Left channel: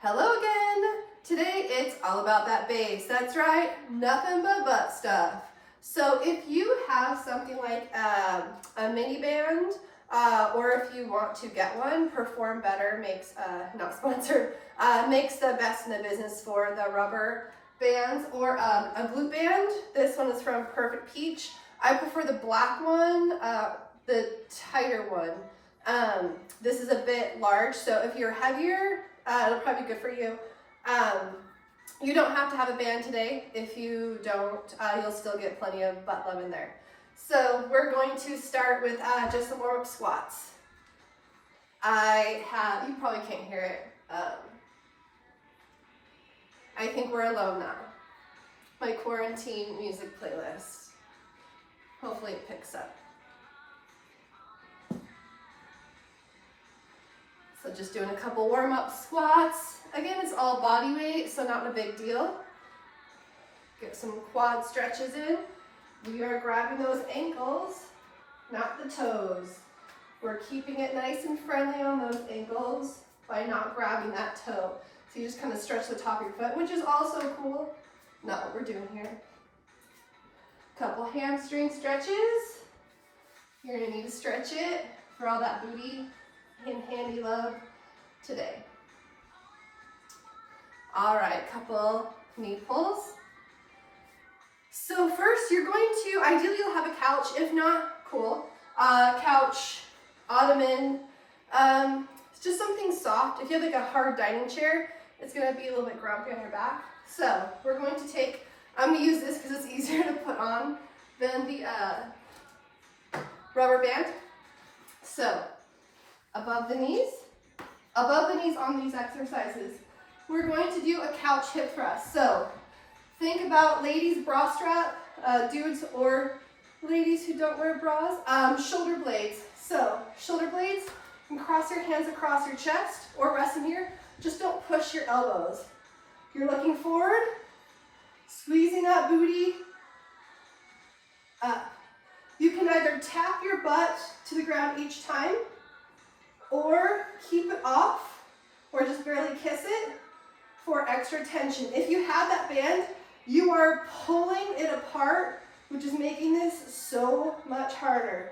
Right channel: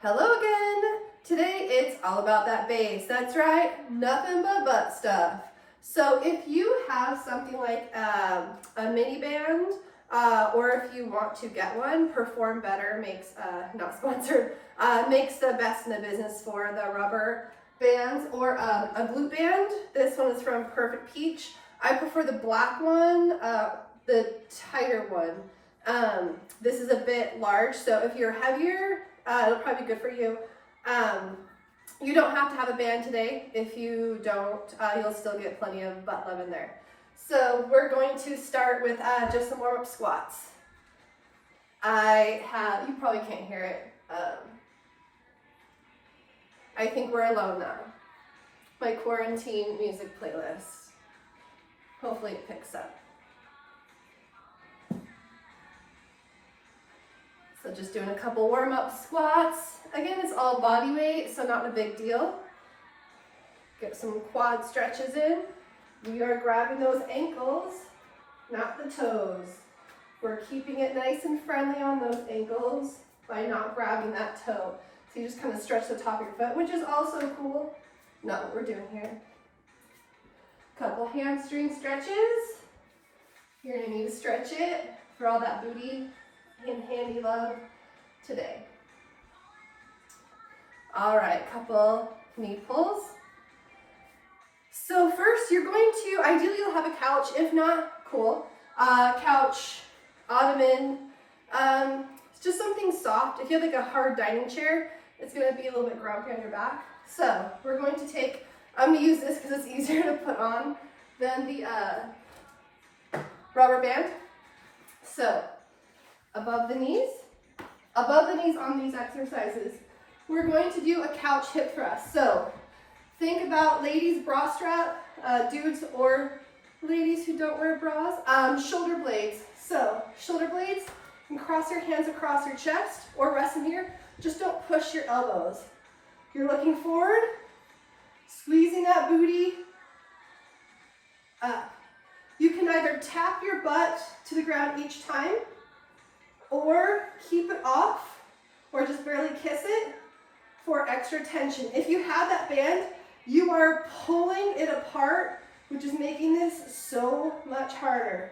Hello again! Today it's all about that base. That's right, nothing but butt stuff. So if you have something like a mini band, or if you want to get one, Perform Better makes, not sponsored, makes the best in the business for the rubber bands, or a glute band. This one is from Perfect Peach. I prefer the black one, the tighter one. This is a bit large, so if you're heavier, it'll probably be good for you. You don't have to have a band today. If you don't, you'll still get plenty of butt love in there. So we're going to start with just some warm-up squats. You probably can't hear it. I think we're alone now. My quarantine music playlist. Hopefully it picks up. So just doing a couple warm-up squats. Again, it's all body weight, so not a big deal. Get some quad stretches in. We are grabbing those ankles, not the toes. We're keeping it nice and friendly on those ankles by not grabbing that toe. So you just kind of stretch the top of your foot, which is also cool. Not what we're doing here. Couple hamstring stretches. You're gonna need to stretch it for all that booty and handy love today. All right, couple knee pulls. So first you're going to, ideally you'll have a couch, if not, cool. Couch, ottoman, it's just something soft. If you have like a hard dining chair, it's gonna be a little bit grumpy on your back. So we're going to take, I'm gonna use this because it's easier to put on than the rubber band. So above the knees on these exercises, we're going to do a couch hip thrust. So think about ladies bra strap, dudes or ladies who don't wear bras, shoulder blades. So shoulder blades, you can cross your hands across your chest or rest them here. Just don't push your elbows. You're looking forward, squeezing that booty up. You can either tap your butt to the ground each time, or keep it off, or just barely kiss it for extra tension. If you have that band, you are pulling it apart, which is making this so much harder.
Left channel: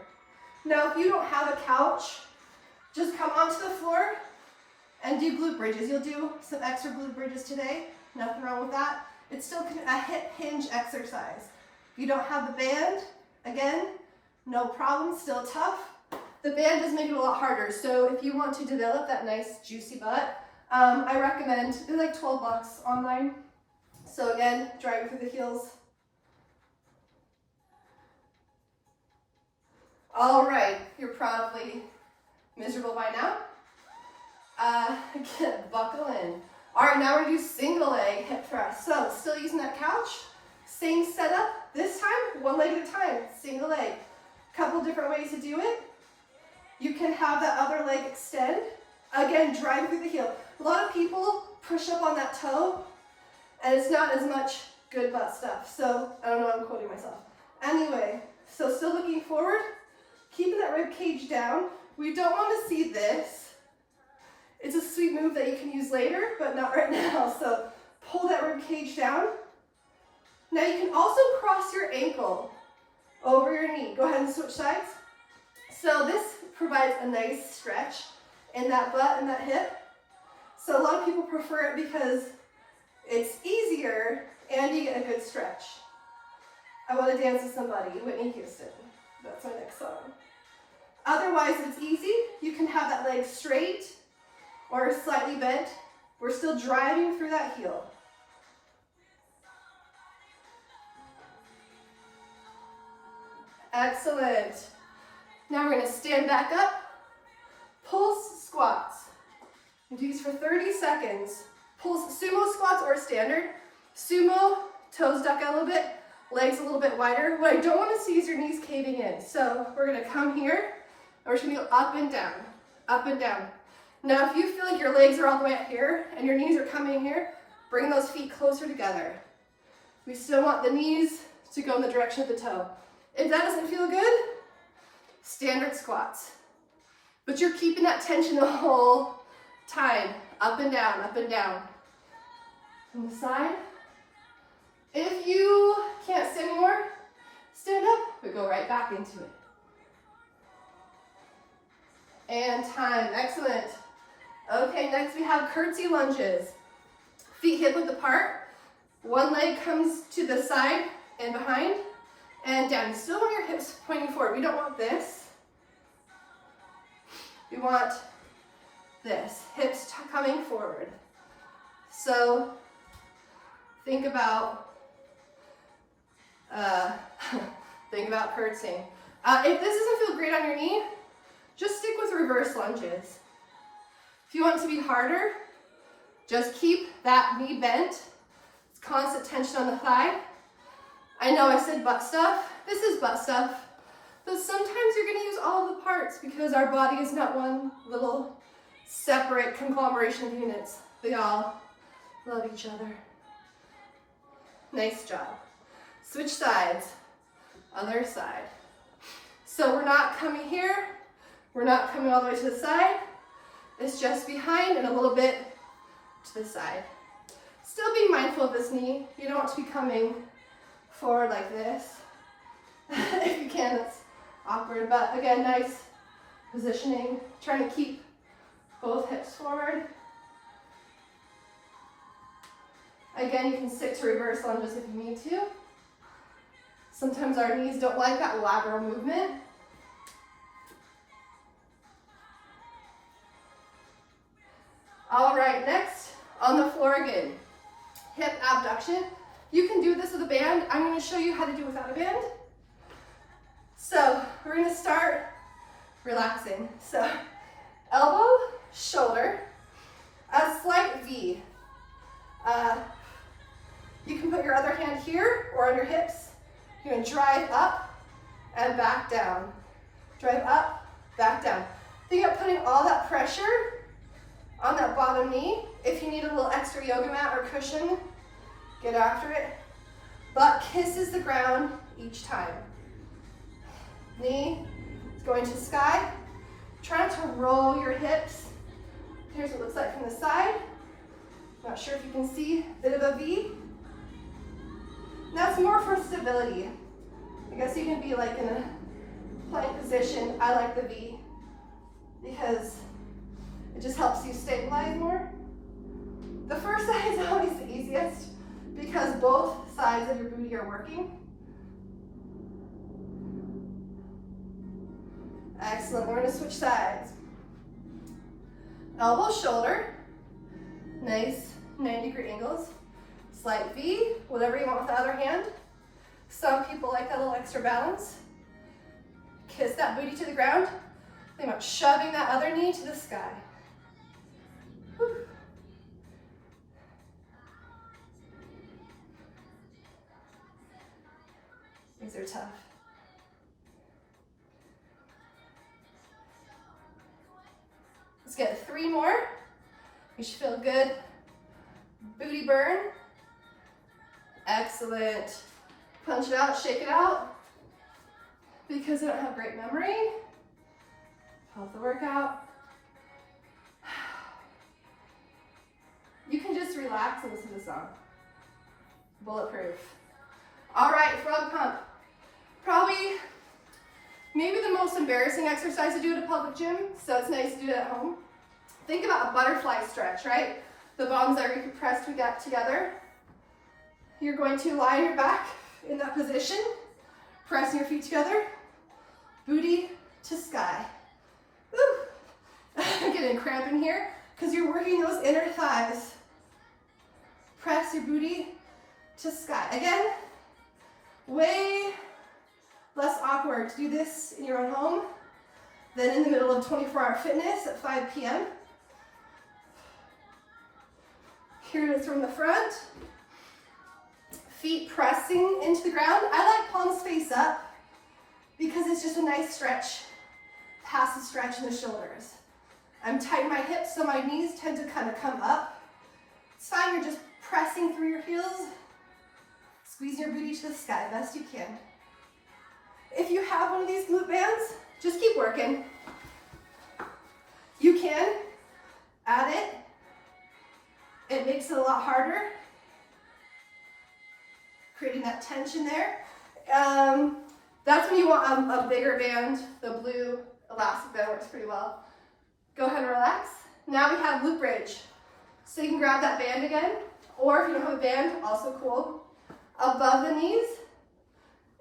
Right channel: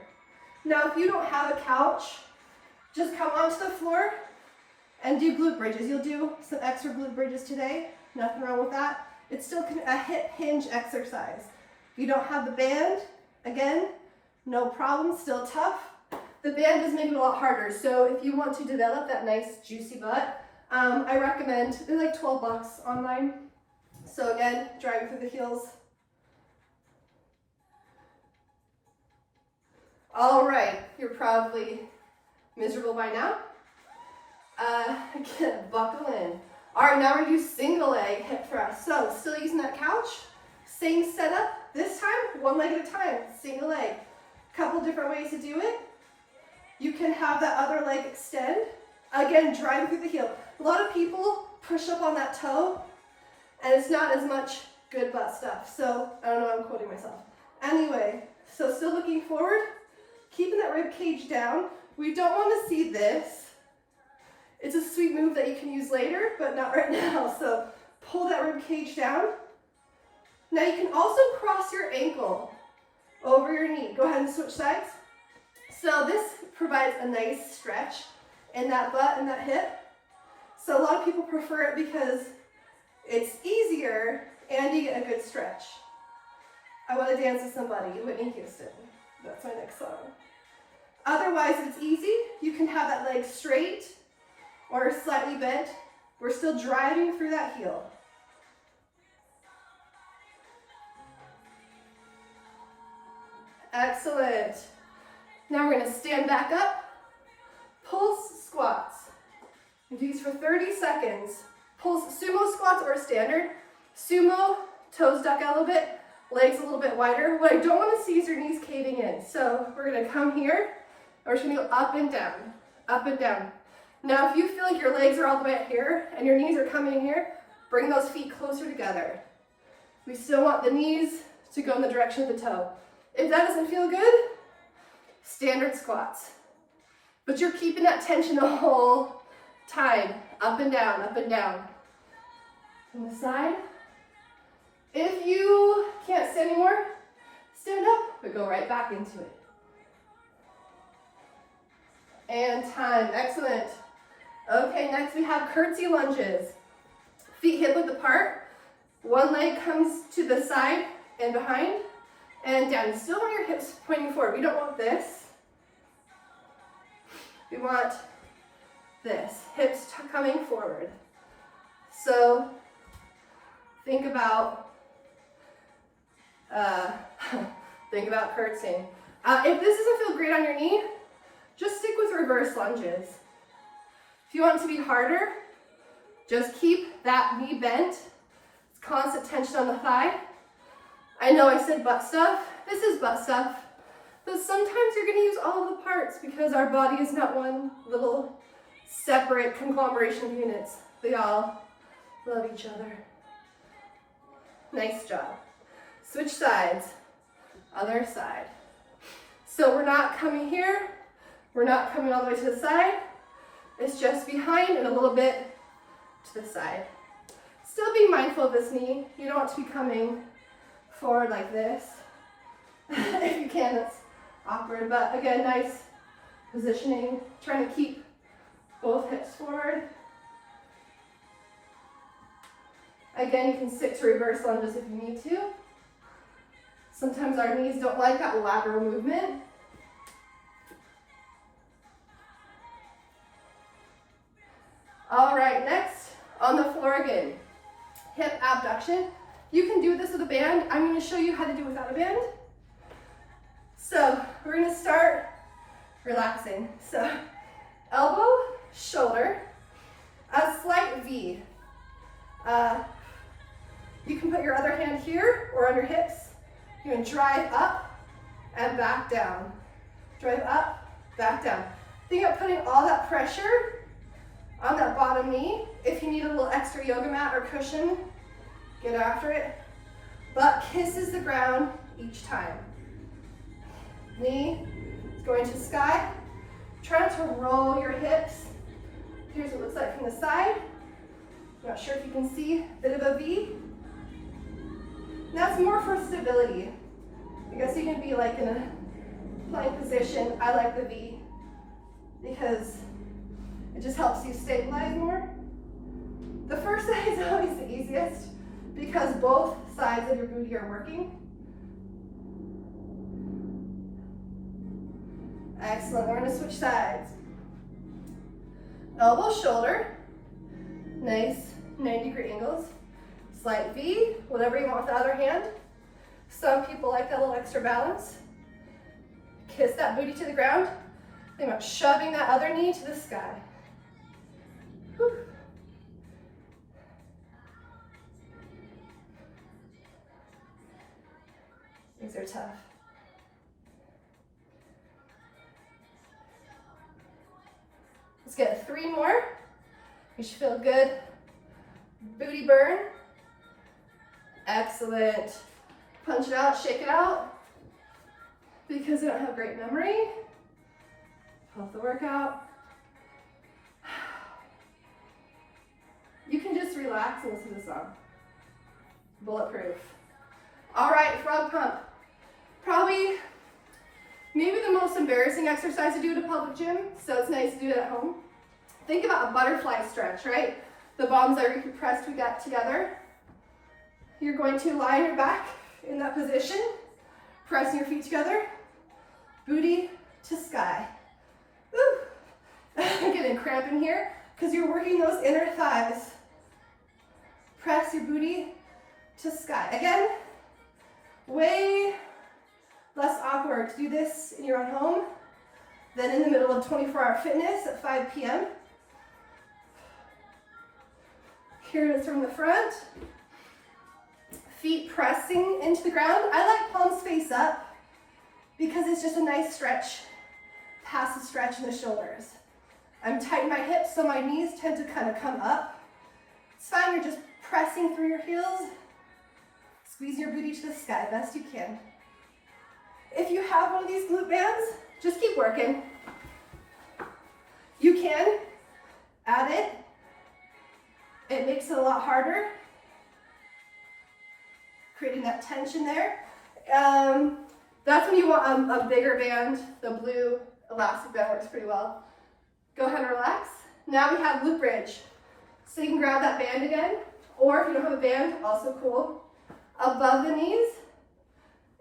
Now, if you don't have a couch, just come onto the floor and do glute bridges. You'll do some extra glute bridges today. Nothing wrong with that. It's still a hip hinge exercise. If you don't have the band, again, no problem, still tough. The band is making it a lot harder. So if you want to develop that nice juicy butt, I recommend, they're like 12 bucks online. So again, driving through the heels. All right, you're probably miserable by now. Again, buckle in. All right, now we're gonna do single leg hip thrust. So still using that couch, same setup. This time, one leg at a time, single leg. Couple different ways to do it. You can have that other leg extend. Again, driving through the heel. A lot of people push up on that toe, and it's not as much good butt stuff. So, I don't know, I'm quoting myself. Anyway, so still looking forward, keeping that rib cage down. We don't want to see this. It's a sweet move that you can use later, but not right now. So pull that rib cage down. Now you can also cross your ankle over your knee. Go ahead and switch sides. So this provides a nice stretch in that butt and that hip. So a lot of people prefer it because it's easier and you get a good stretch. I Want to Dance with Somebody, Whitney Houston. That's my next song. Otherwise, if it's easy, you can have that leg straight or slightly bent. We're still driving through that heel. Excellent. Now we're going to stand back up, pulse squats. Do these for 30 seconds. Pulse sumo squats or standard. Sumo, toes duck out a little bit, legs a little bit wider. What I don't want to see is your knees caving in. So we're going to come here, and we're just going to go up and down, up and down. Now if you feel like your legs are all the way up here and your knees are coming here, bring those feet closer together. We still want the knees to go in the direction of the toe. If that doesn't feel good, standard squats. But you're keeping that tension the whole time. Up and down, up and down. From the side. If you can't stand anymore, stand up, but go right back into it. And time, excellent. Okay, next we have curtsey lunges. Feet hip width apart. One leg comes to the side and behind and down. You still want your hips pointing forward. We don't want this. We want this, hips coming forward. So think about curtsying. If this doesn't feel great on your knee, just stick with reverse lunges. If you want it to be harder, just keep that knee bent. It's constant tension on the thigh. I know I said butt stuff. This is butt stuff. But sometimes you're going to use all of the parts because our body is not one little separate conglomeration of units. They all love each other. Nice job. Switch sides. Other side. So we're not coming here. We're not coming all the way to the side. It's just behind and a little bit to the side. Still being mindful of this knee. You don't want to be coming forward like this. If you can, that's awkward. But again, nice positioning. Trying to keep both hips forward. Again, you can stick to reverse lunges if you need to. Sometimes our knees don't like that lateral movement. All right, next on the floor again, hip abduction. You can do this with a band. I'm going to show you how to do it without a band. So we're going to start relaxing. So elbow, shoulder, a slight V. You can put your other hand here or on your hips. You're going to drive up and back down. Drive up, back down. Think about putting all that pressure on that bottom knee. If you need a little extra yoga mat or cushion, get after it. Butt kisses the ground each time. Knee is going to sky. Try to roll your hips. Here's what it looks like from the side. Not sure if you can see, a bit of a V. And that's more for stability. I guess you can be like in a plank position. I like the V because it just helps you stabilize more. The first side is always the easiest because both sides of your booty are working. Excellent, we're gonna switch sides. Elbow, shoulder, nice 90-degree angles. Slight V, whatever you want with the other hand. Some people like that little extra balance. Kiss that booty to the ground. Think about shoving that other knee to the sky. Whew. These are tough. Let's get 3 more. You should feel good. Booty burn. Excellent. Punch it out, shake it out. Because we don't have great memory of the workout. You can just relax and listen to the song. Bulletproof. All right, frog pump. Probably, maybe the most embarrassing exercise to do at a public gym, so it's nice to do it at home. Think about a butterfly stretch, right? The bombs that we pressed, we got together. You're going to lie on your back in that position, pressing your feet together, booty to sky. Woo! I'm getting cramp in here because you're working those inner thighs. Press your booty to sky. Again, way less awkward to do this in your own home than in the middle of 24-hour fitness at 5 p.m. Here it is from the front. Feet pressing into the ground. I like palms face up because it's just a nice stretch, passive stretch in the shoulders. I'm tightening my hips so my knees tend to kind of come up. It's fine, you're just pressing through your heels. Squeeze your booty to the sky best you can. If you have one of these glute bands, just keep working. You can add it It makes it a lot harder, creating that tension there. That's when you want a bigger band. The blue elastic band works pretty well. Go ahead and relax. Now we have glute bridge. So you can grab that band again, or if you don't have a band, also cool, above the knees.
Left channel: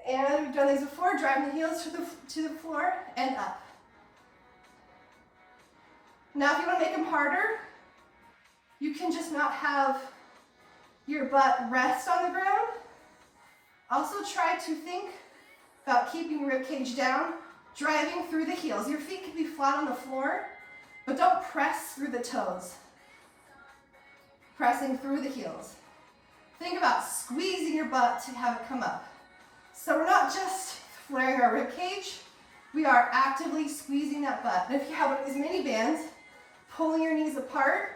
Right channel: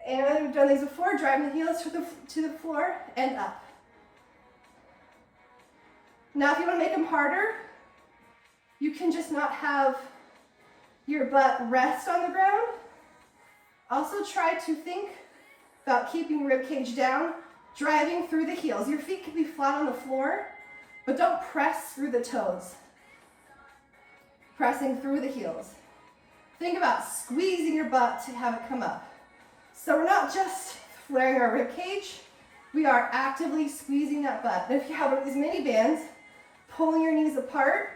And we've done these before, driving the heels to the floor and up. Now if you want to make them harder, you can just not have your butt rest on the ground. Also try to think about keeping your rib cage down, driving through the heels. Your feet can be flat on the floor, but don't press through the toes. Pressing through the heels. Think about squeezing your butt to have it come up. So we're not just flaring our rib cage, we are actively squeezing that butt. And if you have one of these mini bands, pulling your knees apart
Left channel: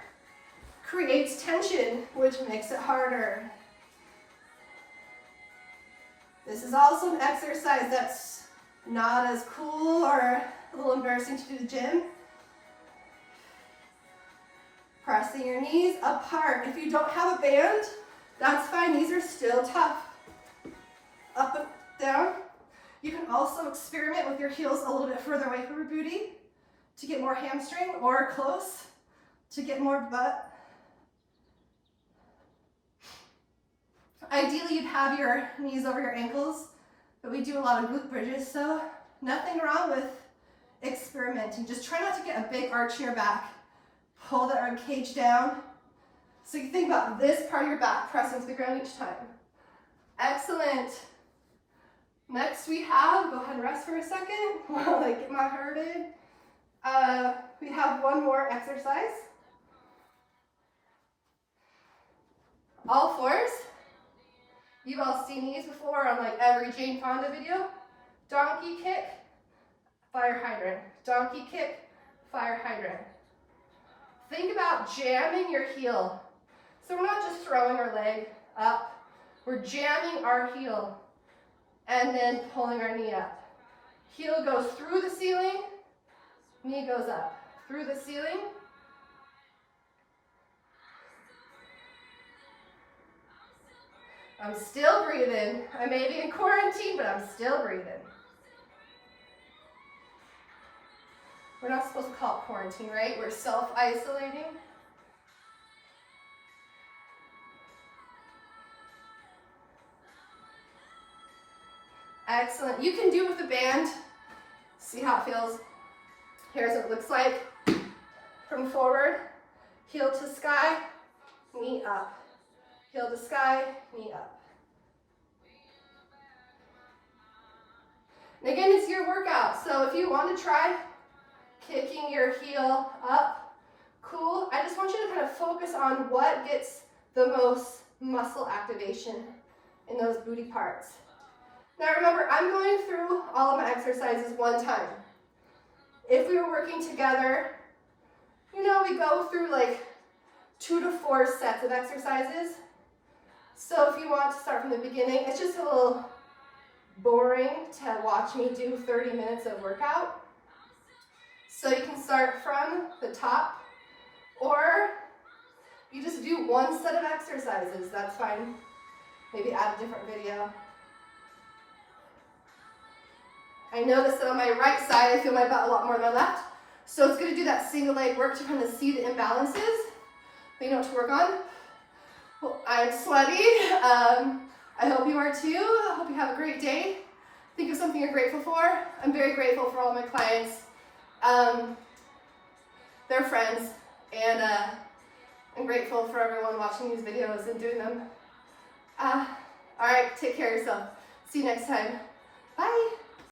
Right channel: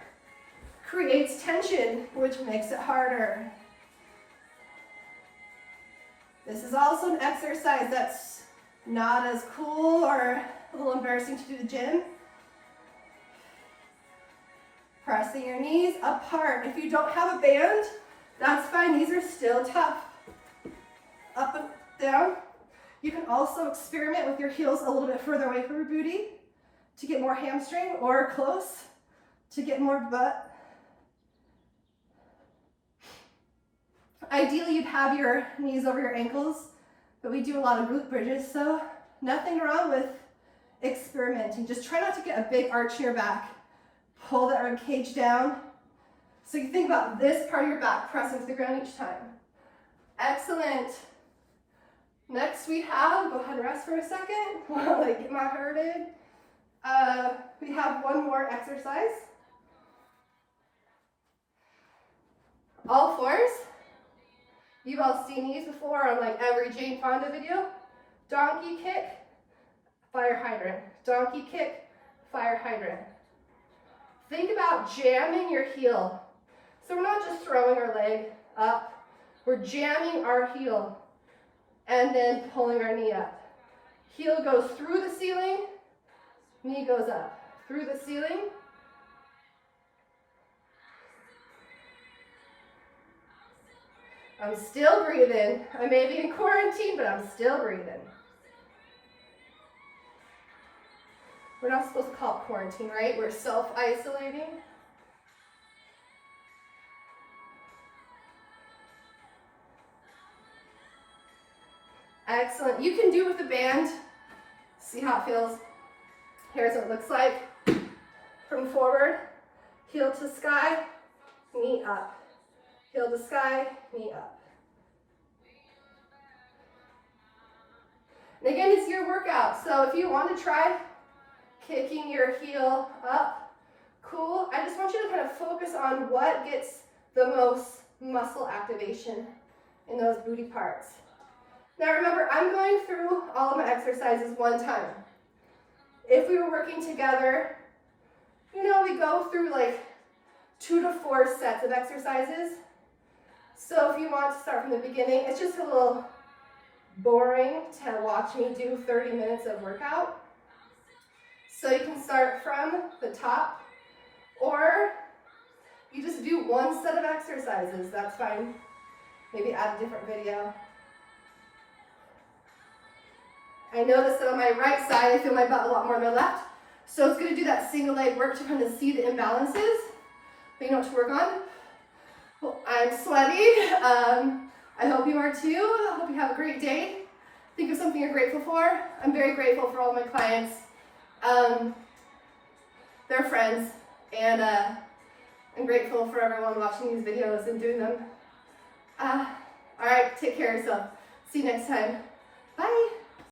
creates tension, which makes it harder. This is also an exercise that's not as cool or a little embarrassing to do at the gym. Pressing your knees apart. If you don't have a band, that's fine. These are still tough. Up and down. You can also experiment with your heels a little bit further away from your booty to get more hamstring, or close to get more butt. Ideally, you'd have your knees over your ankles, but we do a lot of glute bridges, so nothing wrong with experimenting. Just try not to get a big arch in your back. Pull that rib cage down. So you think about this part of your back pressing to the ground each time. Excellent. Next we have, go ahead and rest for a second while I get my heart in. We have one more exercise. All fours. You've all seen these before on like every Jane Fonda video. Donkey kick, fire hydrant. Donkey kick, fire hydrant. Think about jamming your heel. So we're not just throwing our leg up, we're jamming our heel and then pulling our knee up. Heel goes through the ceiling, knee goes up. Through the ceiling. I'm still breathing. I may be in quarantine, but I'm still breathing. We're not supposed to call it quarantine, right? We're self-isolating. Excellent. You can do it with the band. See how it feels. Here's what it looks like. From forward, heel to sky, knee up. Heel to sky, knee up. And again, it's your workout. So if you want to try kicking your heel up, cool. I just want you to kind of focus on what gets the most muscle activation in those booty parts. Now remember, I'm going through all of my exercises one time. If we were working together, you know, we go through like 2 to 4 sets of exercises. So if you want to start from the beginning, it's just a little boring to watch me do 30 minutes of workout. So you can start from the top, or you just do one set of exercises, that's fine. Maybe add a different video. I notice that on my right side, I feel my butt a lot more than my left. So it's gonna do that single leg work to kind of see the imbalances. You know what to work on. Well, I'm sweaty. I hope you are too. I hope you have a great day. Think of something you're grateful for. I'm very grateful for all my clients. They're friends, and I'm grateful for everyone watching these videos and doing them. All right, take care of yourself. See you next time. Bye.